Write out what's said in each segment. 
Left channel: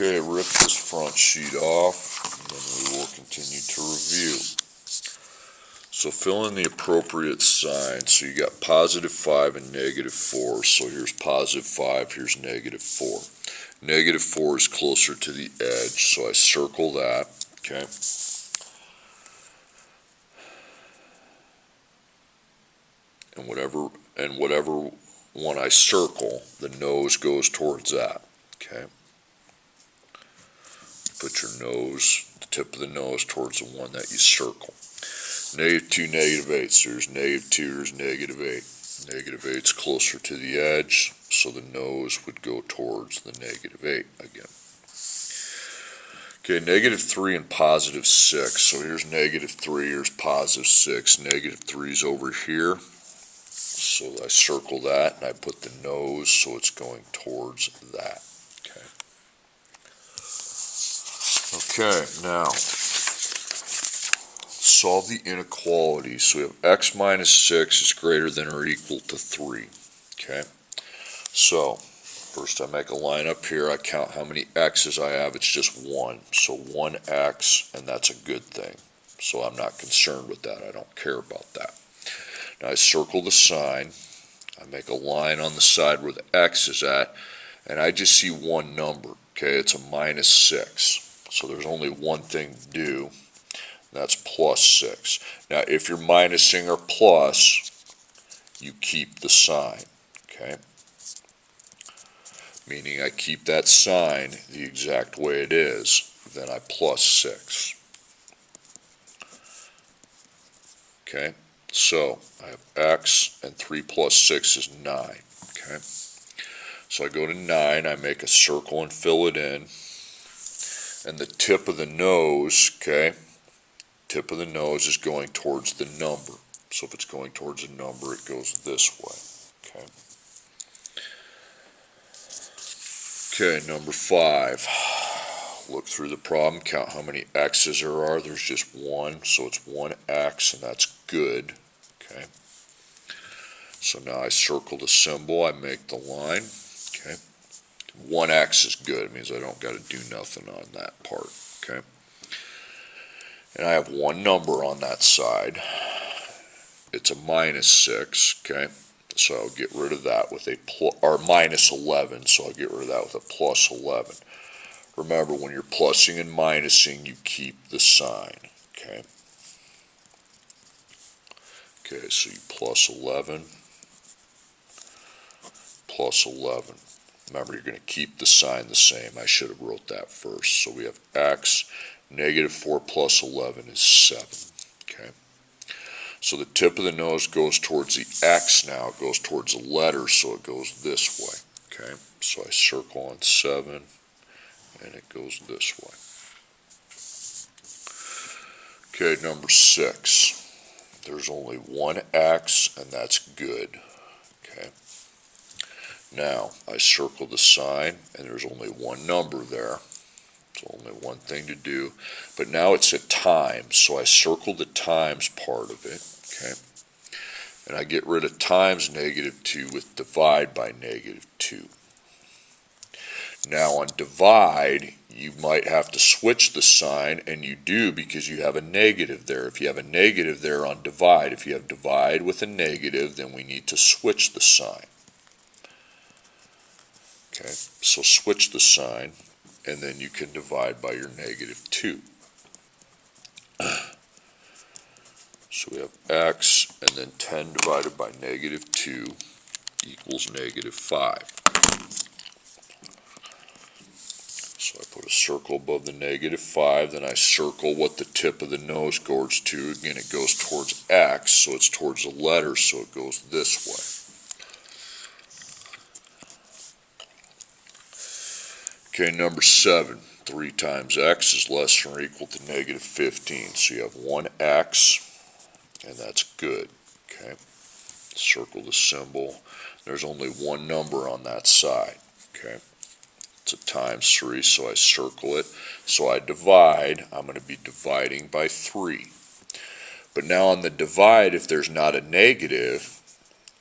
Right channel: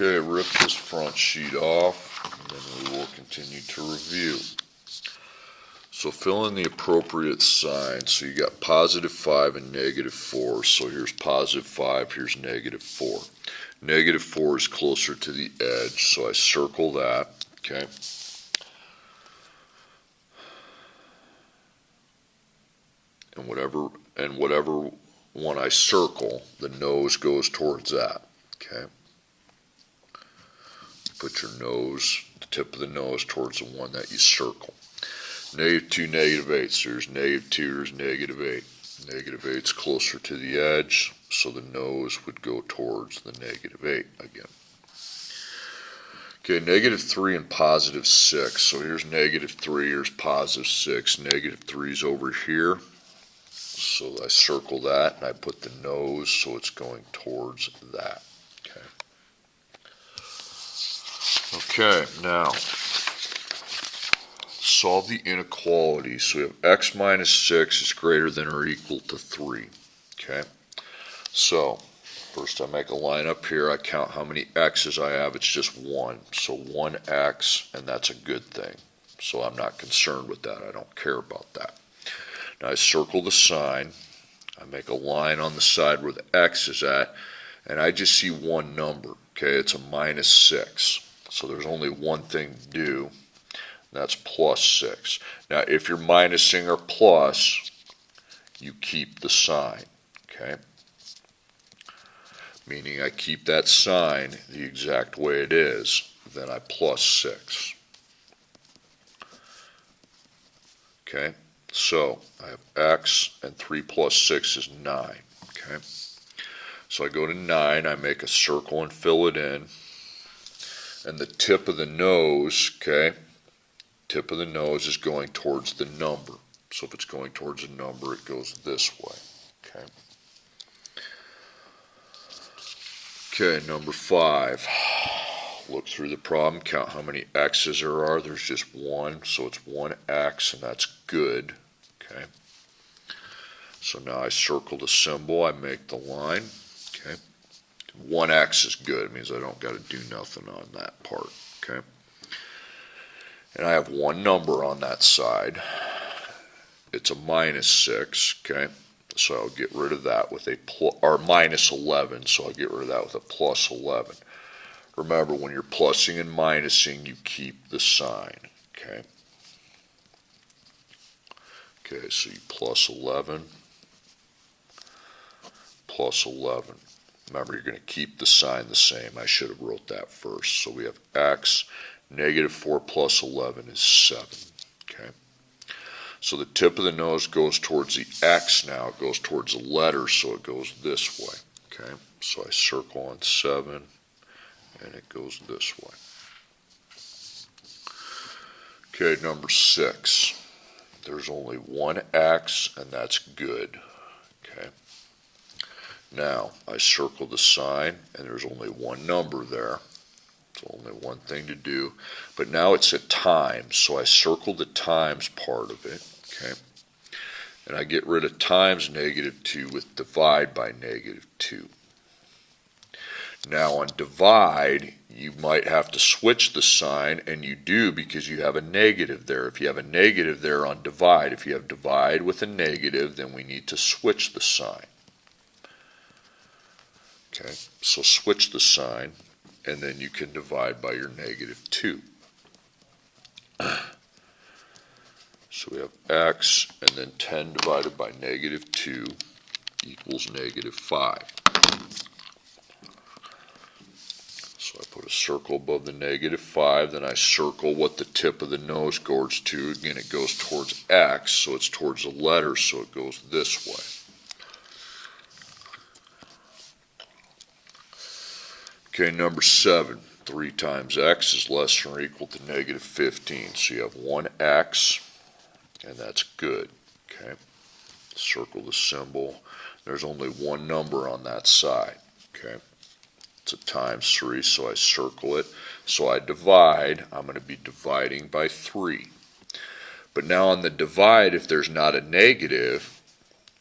Okay, rip this front sheet off, and then we will continue to review. So fill in the appropriate signs. So you got positive 5 and negative 4. So here's positive 5, here's negative 4. Negative 4 is closer to the edge, so I circle that, okay? And whatever one I circle, the nose goes towards that, okay? Put your nose, the tip of the nose, towards the one that you circle. Negative 2, negative 8. So there's negative 2, there's negative 8. Negative 8 is closer to the edge, so the nose would go towards the negative 8 again. Okay, negative 3 and positive 6. So here's negative 3, here's positive 6. Negative 3 is over here. So I circle that, and I put the nose so it's going towards that. Okay, now solve the inequality. So we have x minus 6 is greater than or equal to 3. Okay, so first I make a line up here. I count how many x's I have. It's just 1. So 1x, and that's a good thing. So I'm not concerned with that. I don't care about that. Now I circle the sign. I make a line on the side where the x is at, and I just see one number. Okay, it's a minus 6. So there's only one thing to do. That's plus 6. Now if you're minusing or plus, you keep the sign. Okay, meaning I keep that sign the exact way it is. Then I plus 6. Okay, so I have x, and 3 plus 6 is 9. Okay, so I go to 9, I make a circle and fill it in, and the tip of the nose, okay, tip of the nose is going towards the number. So if it's going towards a number, it goes this way. Okay, okay, number 5. Look through the problem, count how many x's there are. There's just one, so it's 1x, and that's good. Okay, so now I circle the symbol, I make the line. Okay, 1x is good. It means I don't got to do nothing on that part. Okay, and I have one number on that side. It's a minus 6. Okay, so I'll get rid of that with a or minus 11. So I'll get rid of that with a plus 11. Remember, when you're plussing and minusing, you keep the sign. Okay. Okay, so you plus 11, plus 11. Remember, you're going to keep the sign the same. I should have wrote that first. So we have x, negative 4 plus 11 is 7. Okay. So the tip of the nose goes towards the x now. It goes towards the letter, so it goes this way. Okay. So I circle on 7, and it goes this way. Okay, number 6. There's only one x, and that's good. Okay. Now, I circle the sign, and there's only one number there. It's only one thing to do. But now it's at times, so I circle the times part of it. Okay. And I get rid of times negative 2 with divide by negative 2. Now on divide, you might have to switch the sign, and you do because you have a negative there. If you have a negative there on divide, if you have divide with a negative, then we need to switch the sign. Okay, so switch the sign, and then you can divide by your negative 2. So we have x, and then 10 divided by negative 2 equals negative 5. So I put a circle above the negative 5, then I circle what the tip of the nose goes to. Again, it goes towards x, so it's towards the letter, so it goes this way. Okay, number 7. 3 times x is less than or equal to negative 15. So you have 1x, and that's good. Okay, circle the symbol. There's only one number on that side. Okay. It's a times 3, so I circle it. So I divide. I'm going to be dividing by 3. But now on the divide, if there's not a negative,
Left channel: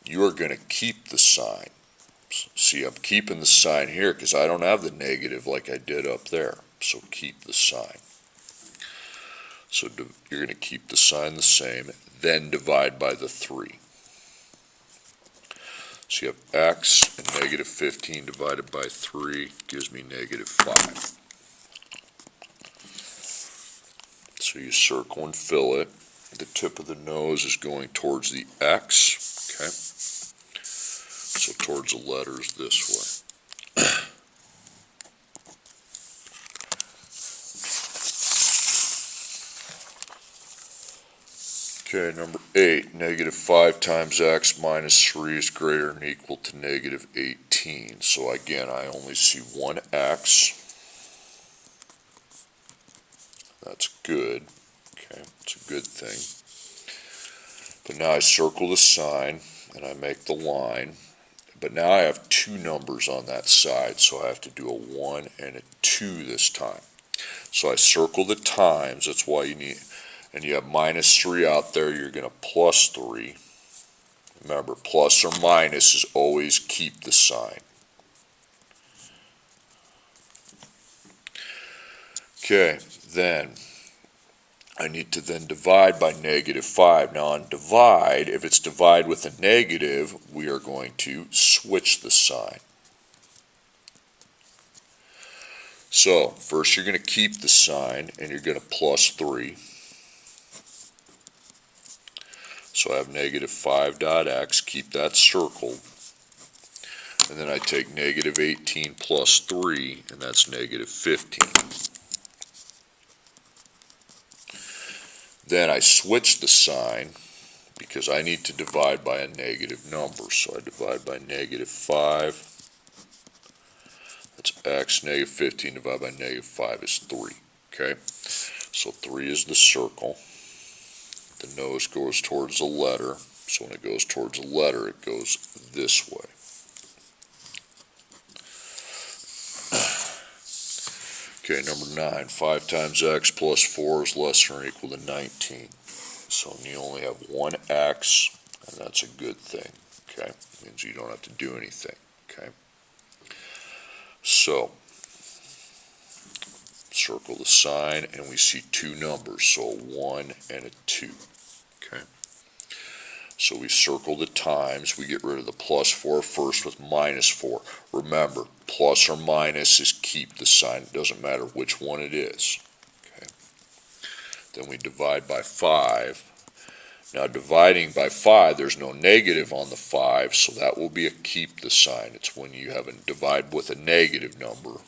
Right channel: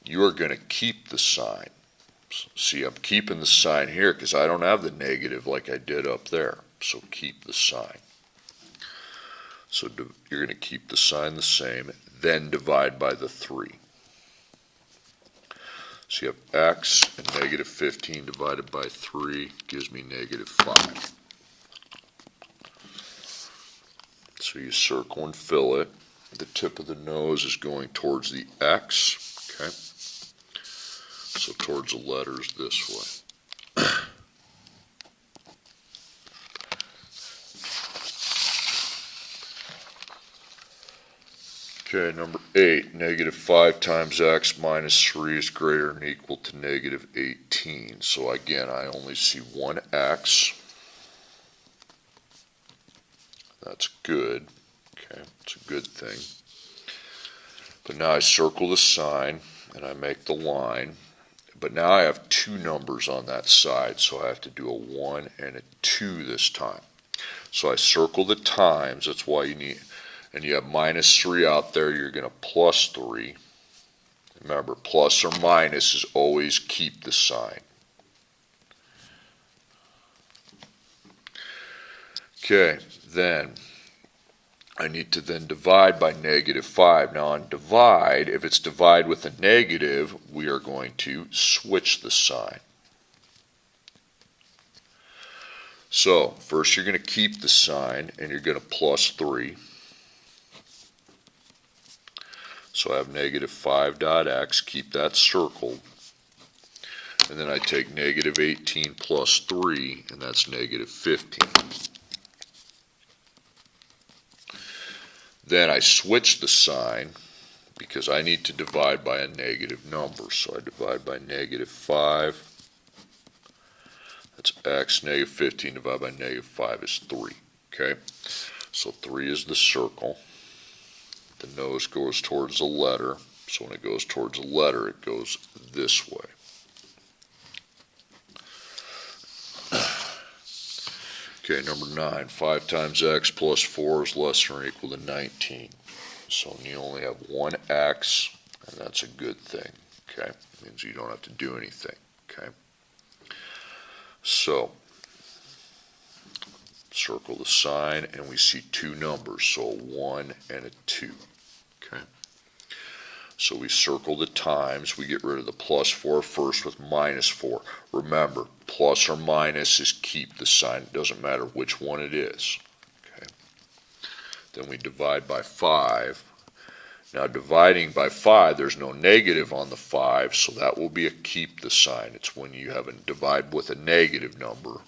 you are going to keep the sign. See, I'm keeping the sign here because I don't have the negative like I did up there. So keep the sign. So you're going to keep the sign the same, then divide by the 3. So you have x, and negative 15 divided by 3 gives me negative 5. So you circle and fill it. The tip of the nose is going towards the x, okay? So towards the letters this way. Okay, number 8, negative 5 times x minus 3 is greater than or equal to negative 18. So again, I only see one x. That's good. Okay, it's a good thing. But now I circle the sign and I make the line. But now I have two numbers on that side, so I have to do a 1 and a 2 this time. So I circle the times, that's why you need, and you have minus 3 out there, you're going to plus 3. Remember, plus or minus is always keep the sign. Okay, then I need to then divide by negative 5. Now on divide, if it's divide with a negative, we are going to switch the sign. So first you're going to keep the sign and you're going to plus 3. So I have negative 5 dot x, keep that circled. And then I take negative 18 plus 3, and that's negative 15. Then I switch the sign because I need to divide by a negative number. So I divide by negative 5. That's x. Negative 15 divided by negative 5 is 3. Okay? So 3 is the circle. The nose goes towards the letter. So when it goes towards the letter, it goes this way. Okay, number 9. 5 times x plus 4 is less than or equal to 19. So you only have one x, and that's a good thing. Okay, means you don't have to do anything. Okay, so circle the sign, and we see two numbers, so a 1 and a 2. Okay, so we circle the times. We get rid of the plus 4 first with minus 4. Remember, plus or minus is keep the sign. It doesn't matter which one it is. Okay. Then we divide by 5. Now dividing by 5, there's no negative on the 5, so that will be a keep the sign. It's when you have a divide with a negative number.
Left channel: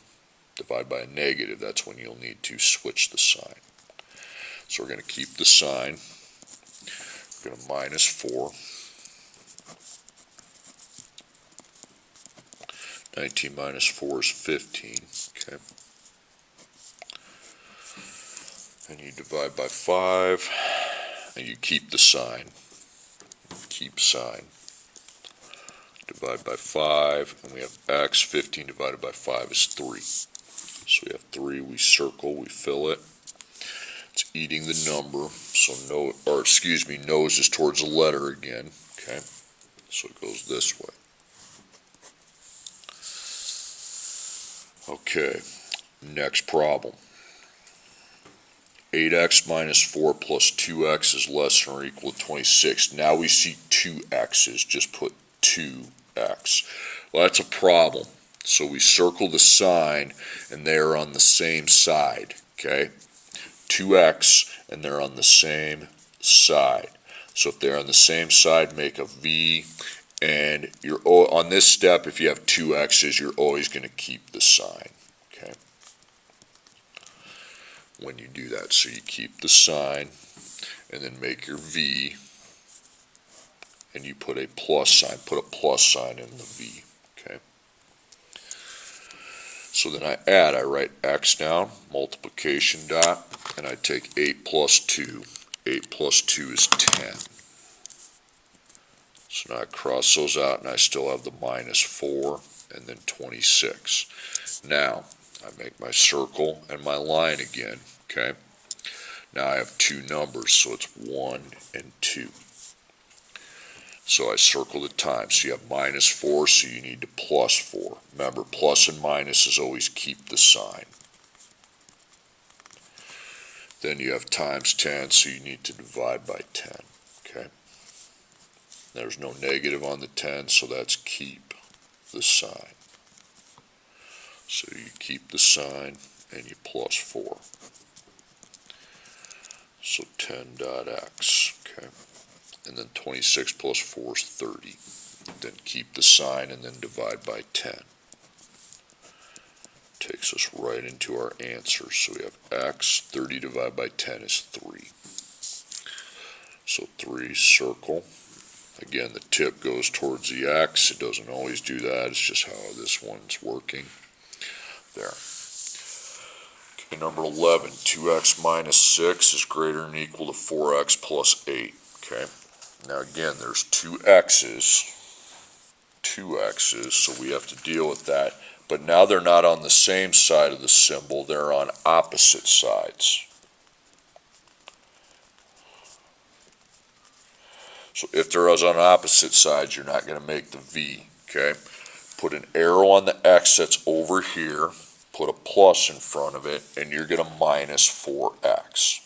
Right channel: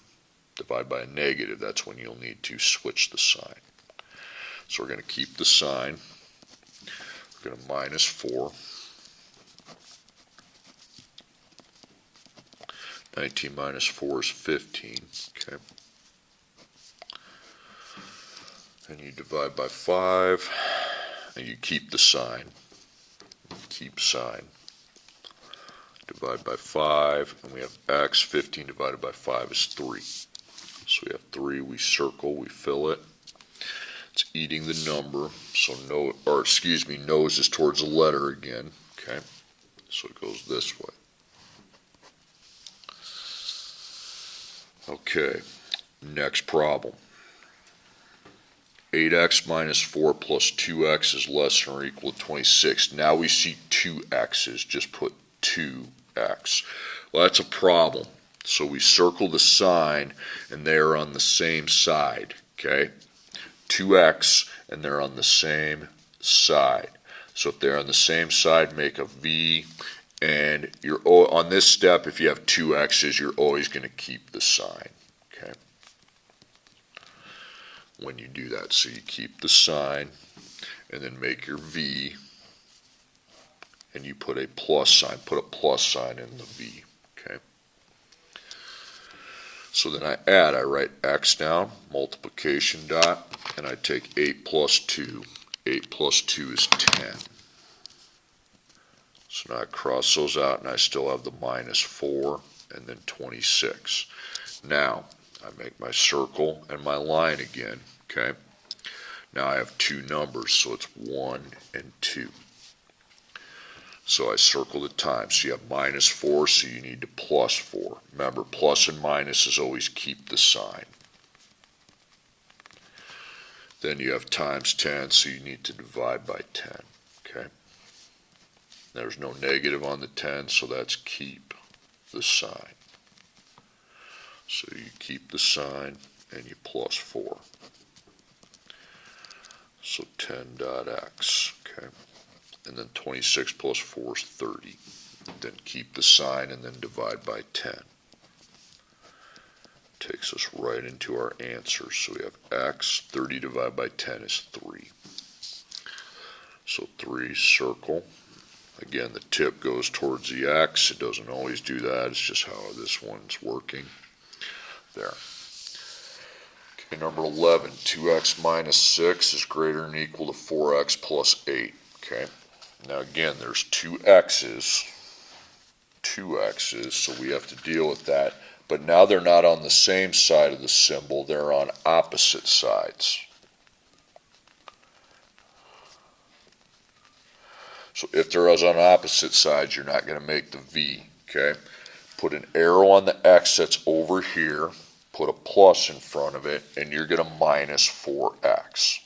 Divide by a negative, that's when you'll need to switch the sign. So we're going to keep the sign. We're going to minus 4. 19 minus 4 is 15. Okay. And you divide by 5, and you keep the sign. Keep sign. Divide by 5, and we have x. 15 divided by 5 is 3. So we have 3, we circle, we fill it. It's eating the number, so nose is towards the letter again. Okay, so it goes this way. Okay, next problem. 8x minus 4 plus 2x is less than or equal to 26. Now we see two x's, just put 2x. Well, that's a problem. So we circle the sign, and they are on the same side. Okay, 2x, and they're on the same side. So if they're on the same side, make a V. And you're on this step, if you have two x's, you're always going to keep the sign. Okay, when you do that, so you keep the sign, and then make your V, and you put a plus sign. Put a plus sign in the V. Okay. So then I add, I write x down, multiplication dot, and I take 8 plus 2. 8 plus 2 is 10. So now I cross those out, and I still have the minus 4, and then 26. Now, I make my circle and my line again, okay? Now I have two numbers, so it's 1 and 2. So I circle the times. So you have minus 4, so you need to plus 4. Remember, plus and minus is always keep the sign. Then you have times 10, so you need to divide by 10. Okay? There's no negative on the 10, so that's keep the sign. So you keep the sign and you plus 4. So 10 dot x. Okay? And then 26 plus 4 is 30. Then keep the sign and then divide by 10. Takes us right into our answer. So we have x, 30 divided by 10 is 3. So 3, circle. Again, the tip goes towards the x. It doesn't always do that. It's just how this one's working. There. Okay, number 11, 2x minus 6 is greater than or equal to 4x plus 8. Okay. Now again, there's two x's, so we have to deal with that. But now they're not on the same side of the symbol, they're on opposite sides. So if they're on opposite sides, you're not going to make the V, okay? Put an arrow on the x that's over here, put a plus in front of it, and you're going to minus 4x.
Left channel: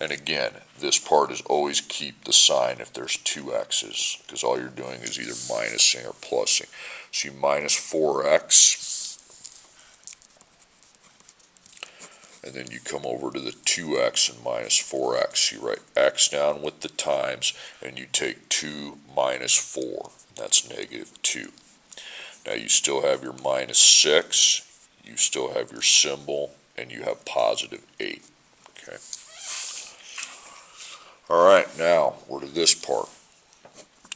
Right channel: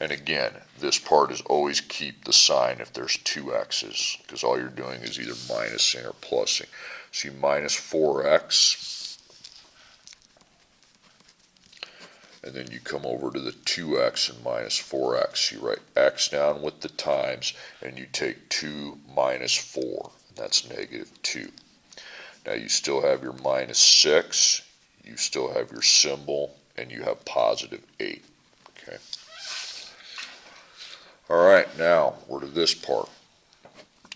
And again, this part is always keep the sign if there's two x's, because all you're doing is either minusing or plussing. So you minus 4x, and then you come over to the 2x and minus 4x. You write x down with the times, and you take 2 minus 4. That's negative 2. Now you still have your minus 6, you still have your symbol, and you have positive 8. Okay. All right, now we're to this part.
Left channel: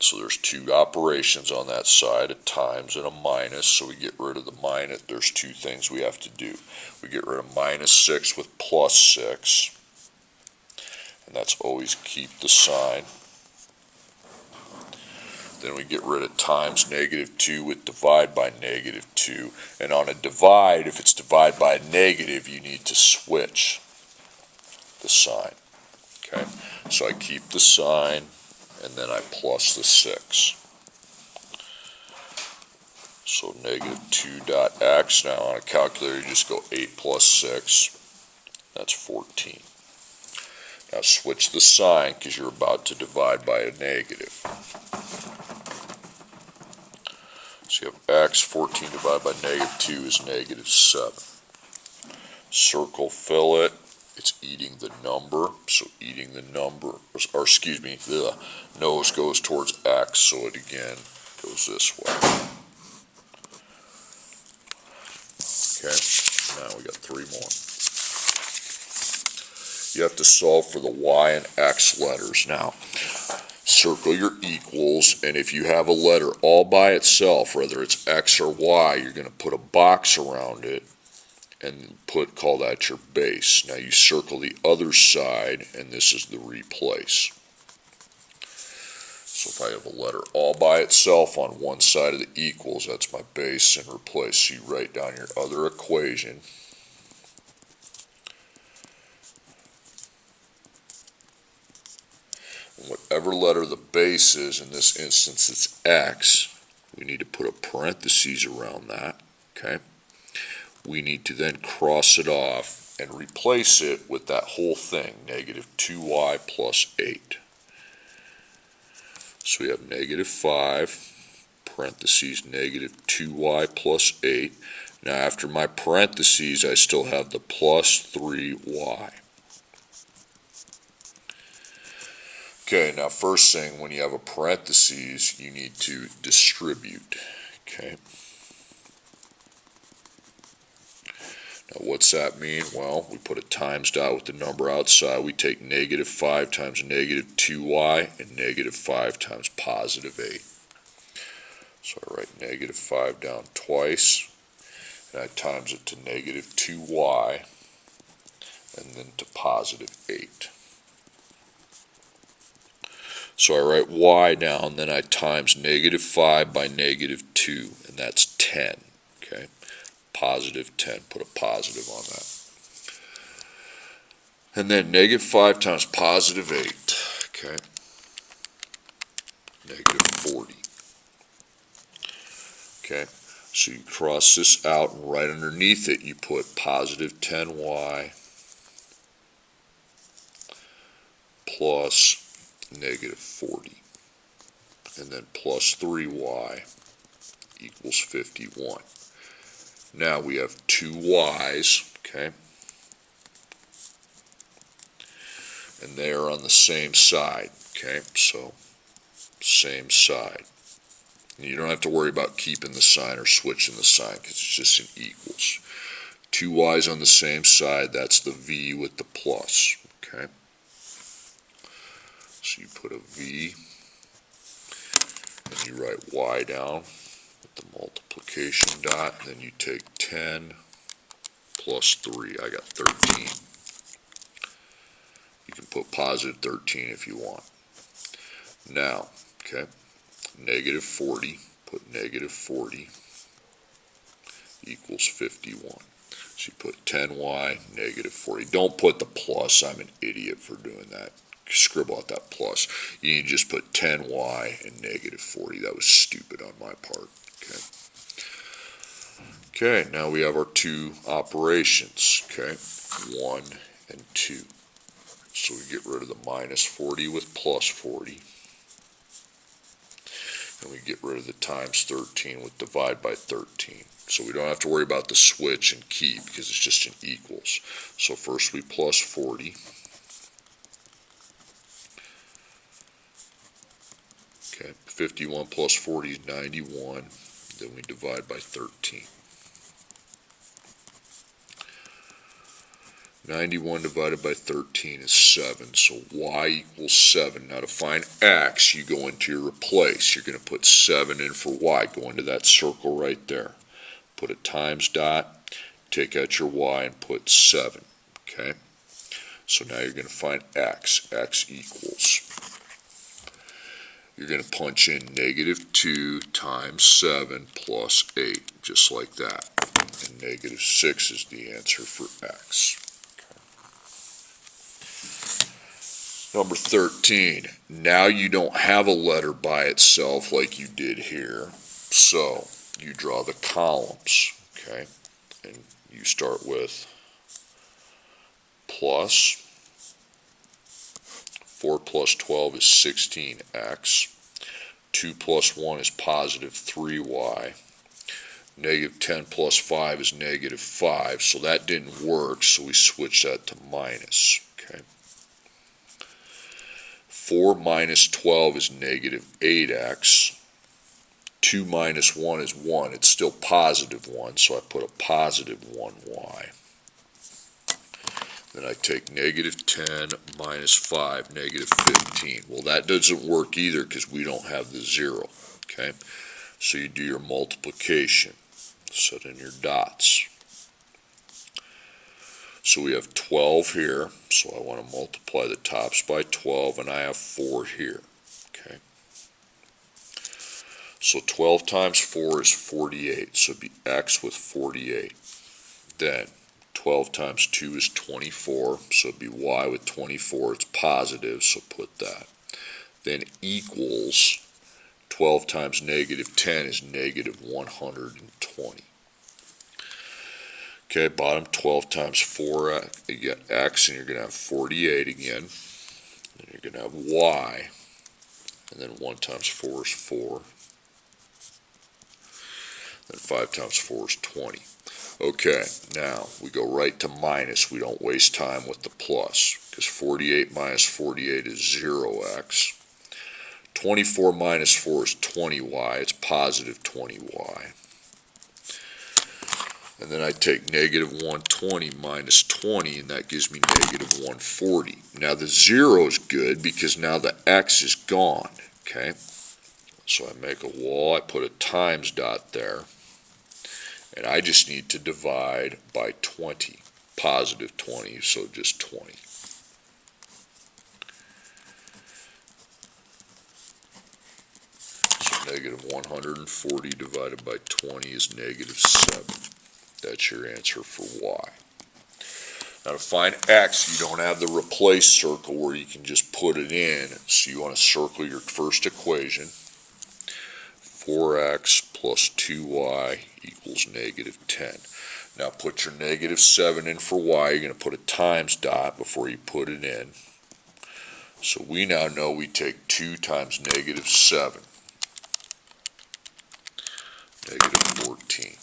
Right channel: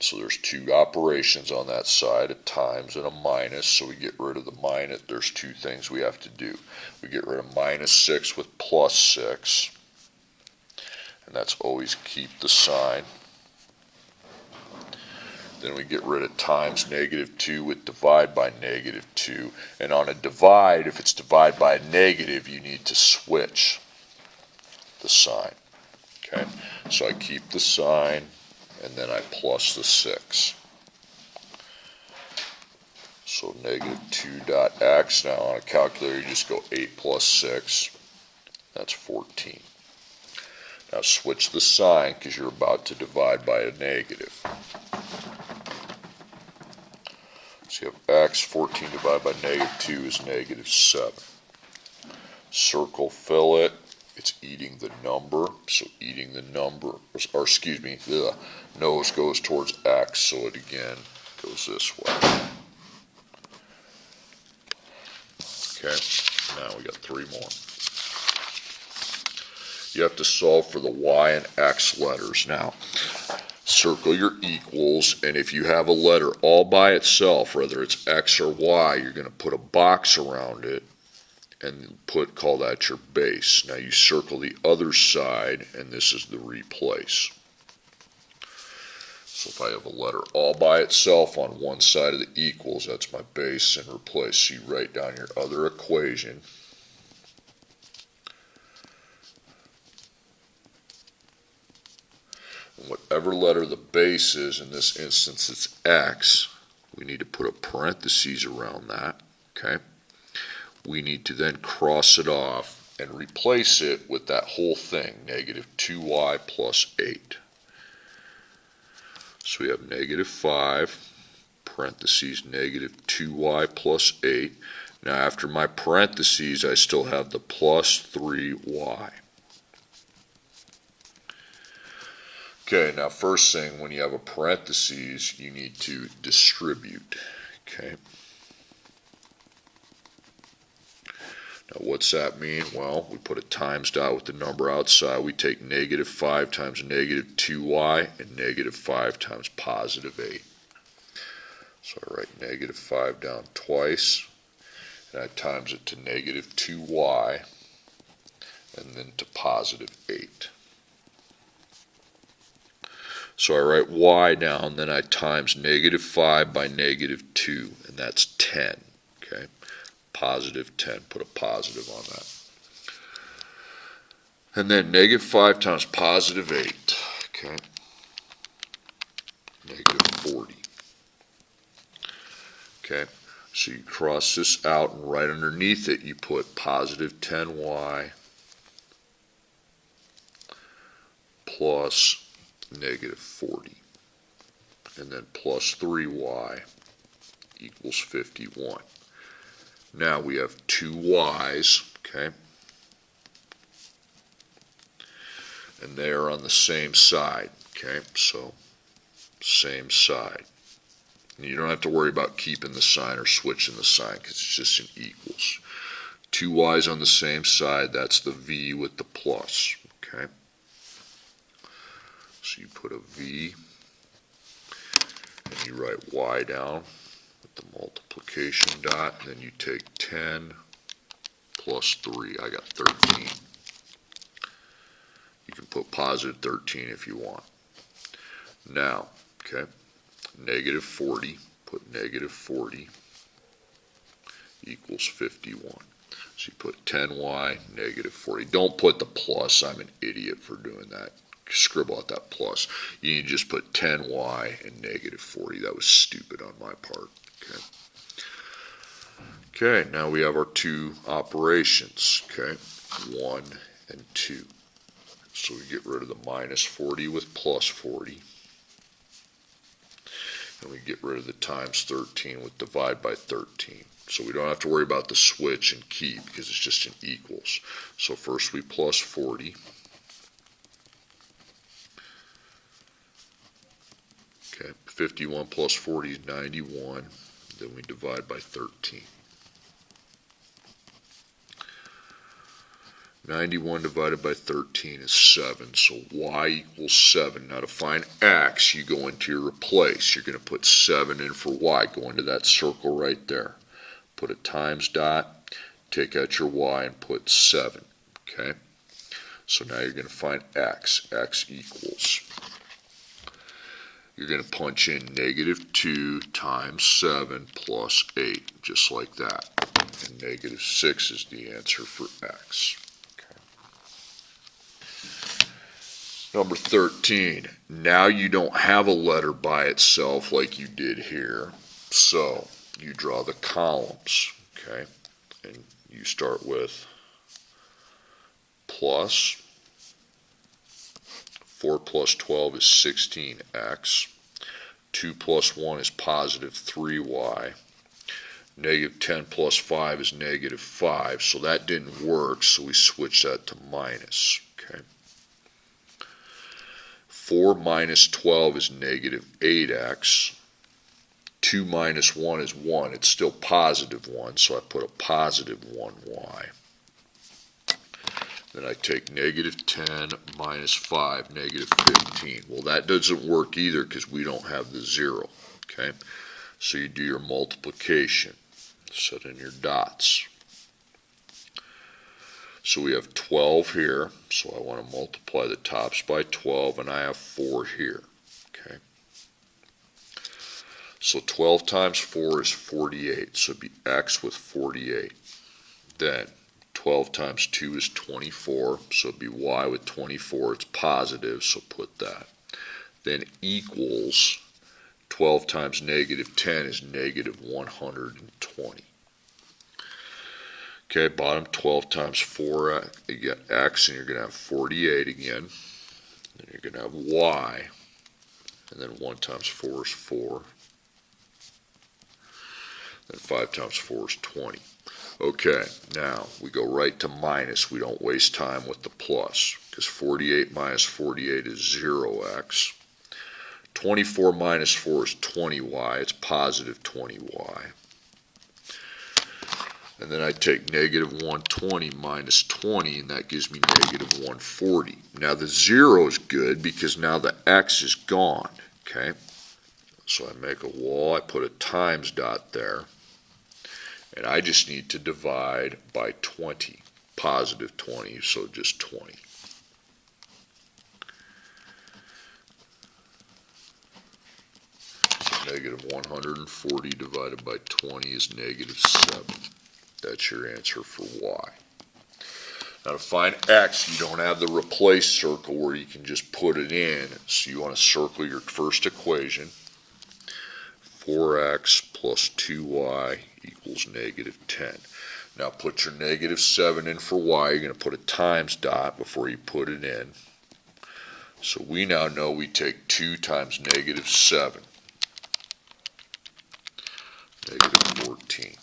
So there's two operations on that side, a times and a minus. So we get rid of the minus. There's two things we have to do. We get rid of minus 6 with plus 6. And that's always keep the sign. Then we get rid of times negative 2 with divide by negative 2. And on a divide, if it's divide by a negative, you need to switch the sign. Okay, so I keep the sign, and then I plus the 6. So negative 2 dot x. Now on a calculator, you just go 8 plus 6. That's 14. Now switch the sign because you're about to divide by a negative. So you have x, 14 divided by negative 2 is negative 7. Circle, fill it. It's eating the number, so eating the number, or excuse me, the nose goes towards x, so it again goes this way. Okay, now we got 3 more. You have to solve for the y and x letters. Now, circle your equals, and if you have a letter all by itself, whether it's x or y, you're going to put a box around it and call that your base. Now you circle the other side, and this is the replace. So if I have a letter all by itself on one side of the equals, that's my base and replace. So you write down your other equation. And whatever letter the base is, in this instance it's x, we need to put a parentheses around that, okay? We need to then cross it off and replace it with that whole thing, negative 2y plus 8. So we have negative 5, parentheses, negative 2y plus 8. Now after my parentheses, I still have the plus 3y. Okay, now first thing, when you have a parentheses, you need to distribute, okay? Now what's that mean? Well, we put a times dot with the number outside. We take negative 5 times negative 2y and negative 5 times positive 8. So I write negative 5 down twice, and I times it to negative 2y and then to positive 8. So I write y down, then I times negative 5 by negative 2, and that's 10, okay? Positive 10, put a positive on that. And then negative 5 times positive 8, okay? negative 40. Okay, so you cross this out, and right underneath it you put positive 10y plus negative 40, and then plus 3y equals 51. Now we have two y's, okay, and they are on the same side, okay, so same side. And you don't have to worry about keeping the sign or switching the sign because it's just an equals. Two y's on the same side, that's the v with the plus, okay. So you put a v, and you write y down with the multiplication dot, and then you take 10 plus 3, I got 13. You can put positive 13 if you want. Now, okay, negative 40, put negative 40 equals 51. So you put 10y, negative 40. Don't put the plus, I'm an idiot for doing that. Scribble out that plus. You need to just put 10y and negative 40. That was stupid on my part. Okay. Okay, now we have our two operations. Okay, 1 and 2. So we get rid of the minus 40 with plus 40. And we get rid of the times 13 with divide by 13. So we don't have to worry about the switch and keep because it's just an equals. So first we plus 40. Okay, 51 plus 40 is 91. Then we divide by 13. 91 divided by 13 is 7, so y equals 7. Now to find x, you go into your replace. You're going to put 7 in for y. Go into that circle right there. Put a times dot, take out your y, and put 7. Okay? So now you're going to find x. X equals. You're going to punch in negative 2 times 7 plus 8, just like that. And negative 6 is the answer for x. Number 13, now you don't have a letter by itself like you did here, so you draw the columns, okay, and you start with plus, 4 plus 12 is 16x, 2 plus 1 is positive 3y, negative 10 plus 5 is negative 5, so that didn't work, so we switch that to minus, okay. 4 minus 12 is negative 8x. 2 minus 1 is 1. It's still positive 1, so I put a positive 1y. Then I take negative 10 minus 5, negative 15. Well, that doesn't work either because we don't have the 0. Okay? So you do your multiplication. Set in your dots. So we have 12 here, so I want to multiply the tops by 12, and I have 4 here, okay? So 12 times 4 is 48, so it'd be x with 48. Then 12 times 2 is 24, so it'd be y with 24. It's positive, so put that. Then equals 12 times negative 10 is negative 120. Okay, bottom 12 times 4, you get x, and you're going to have 48 again. Then you're going to have y, and then 1 times 4 is 4. Then 5 times 4 is 20. Okay, now we go right to minus. We don't waste time with the plus, because 48 minus 48 is 0x. 24 minus 4 is 20y. It's positive 20y. And then I take negative 120 minus 20, and that gives me negative 140. Now the 0 is good because now the x is gone, okay? So I make a wall, I put a times dot there, and I just need to divide by 20, positive 20, so just 20. So negative 140 divided by 20 is negative 7. That's your answer for y. Now to find x, you don't have the replace circle where you can just put it in. So you want to circle your first equation. 4x plus 2y equals negative 10. Now put your negative 7 in for y. You're going to put a times dot before you put it in. So we now know we take 2 times negative 7, negative 14.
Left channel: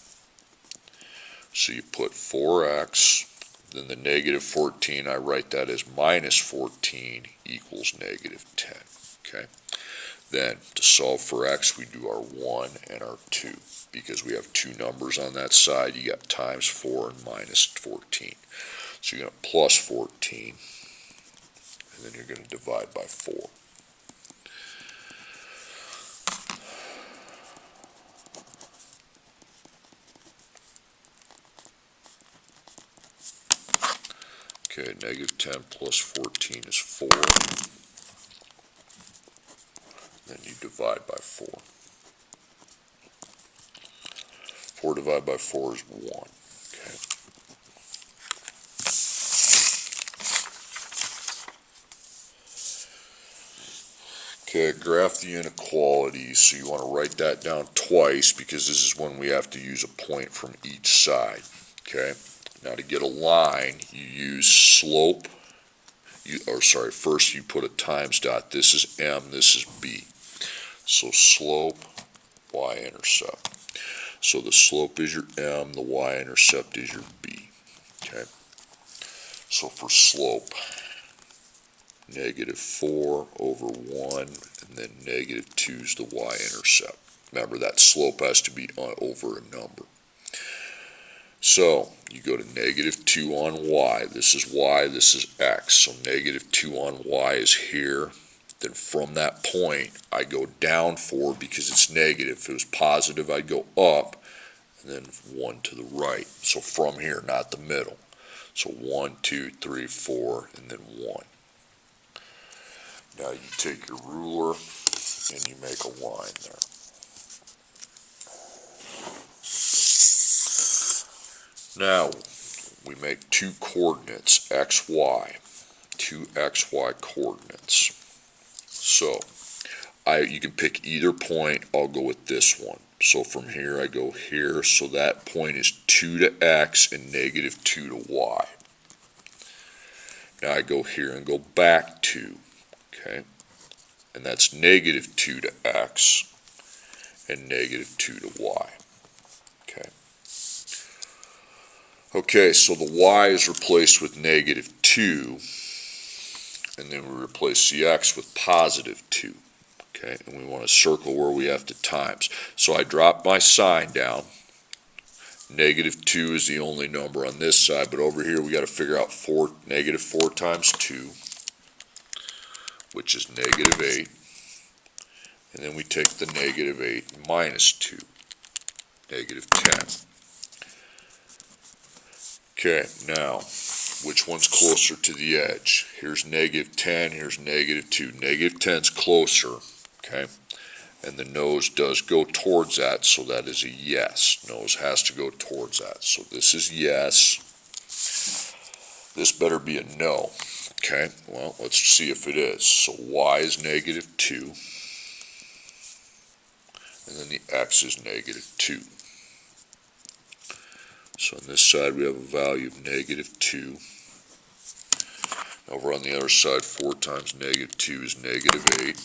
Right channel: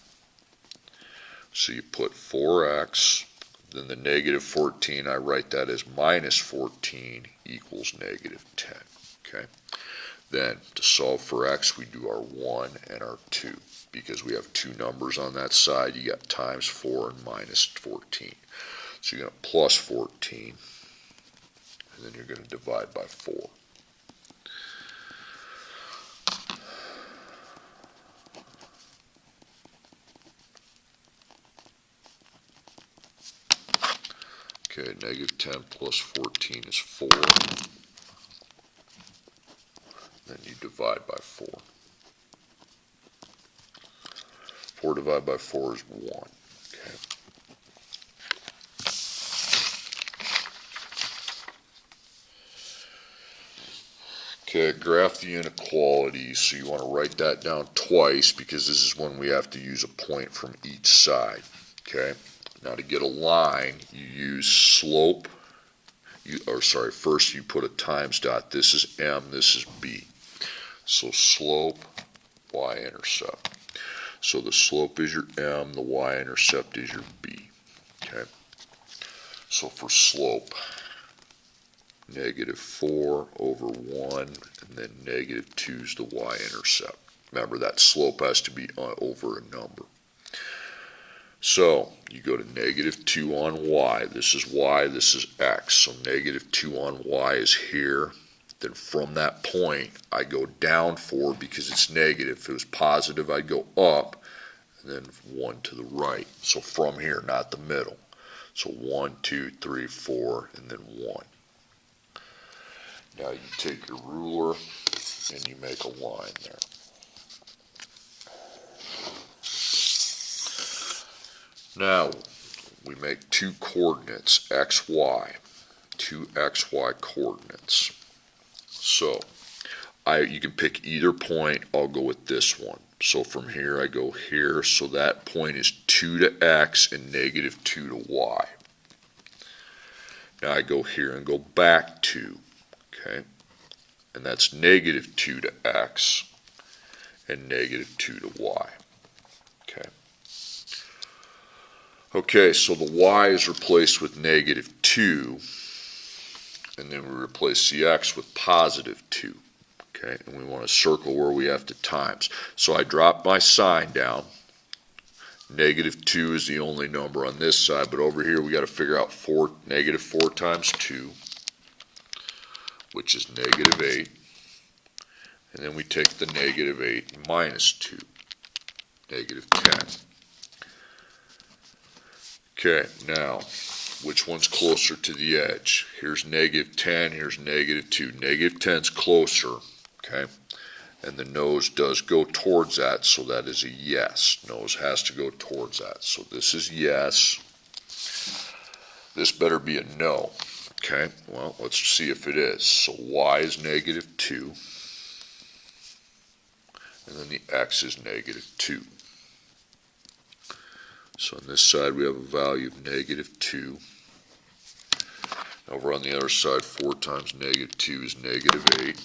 So you put 4x, then the negative 14, I write that as minus 14 equals negative 10. Okay. Then to solve for x, we do our 1 and our 2. Because we have two numbers on that side, you got times 4 and minus 14. So you're going to plus 14, and then you're going to divide by 4. Okay, negative 10 plus 14 is 4. Then you divide by 4. 4 divided by 4 is 1. Okay. Okay, graph the inequalities. So you want to write that down twice because this is when we have to use a point from each side. Okay. Now to get a line, you use slope. First you put a times dot. This is m, this is b. So slope, y-intercept. So the slope is your m, the y-intercept is your b. Okay. So for slope, negative 4 over 1, and then negative 2 is the y-intercept. Remember, that slope has to be over a number. So you go to negative 2 on y. This is y, this is x. So negative 2 on y is here. Then from that point, I go down 4 because it's negative. If it was positive, I'd go up, and then 1 to the right. So from here, not the middle. So 1, 2, 3, 4, and then 1. Now you take your ruler and you make a line there. Now we make two coordinates, xy, two xy coordinates. So you can pick either point. I'll go with this one. So from here I go here. So that point is 2 to x and negative 2 to y. Now I go here and go back 2. Okay. And that's negative 2 to x and negative 2 to y. Okay. Okay, so the y is replaced with negative 2, and then we replace the x with positive 2. Okay, and we want to circle where we have to times. So I drop my sign down. Negative 2 is the only number on this side, but over here we got to figure out negative 4 times 2, which is negative 8. And then we take the negative 8 and minus 2, negative 10. Okay, now, which one's closer to the edge? Here's negative 10, here's negative 2. Negative 10's closer, okay? And the nose does go towards that, so that is a yes. Nose has to go towards that. So this is yes. This better be a no. Okay, well, let's see if it is. So y is negative 2. And then the x is negative 2. So on this side we have a value of negative 2. Over on the other side, 4 times negative 2 is negative 8.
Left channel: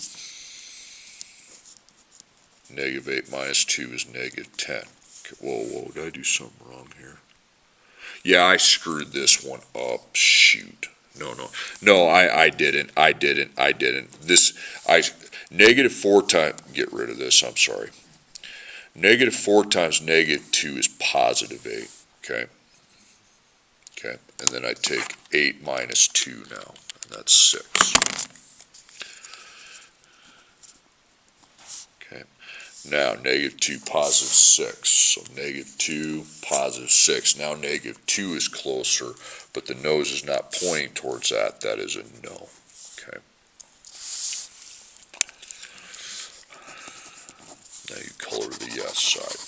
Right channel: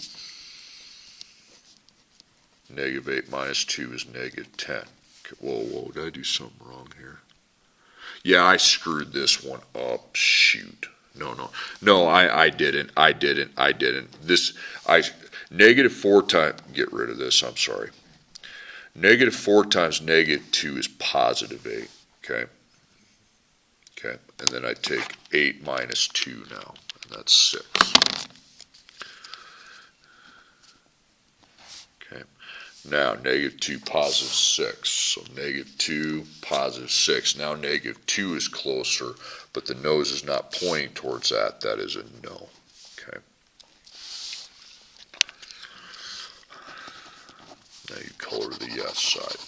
Negative 8 minus 2 is negative 10. Okay, whoa, did I do something wrong here? Yeah, I screwed this one up. Shoot. No, I didn't. Negative 4 times, get rid of this, I'm sorry. Negative 4 times negative 2 is positive 8, okay? Okay, and then I take 8 minus 2 now, and that's 6. Okay, now negative 2, positive 6. So negative 2, positive 6. Now negative 2 is closer, but the nose is not pointing towards that. That is a no. Okay. Now you color the yes side.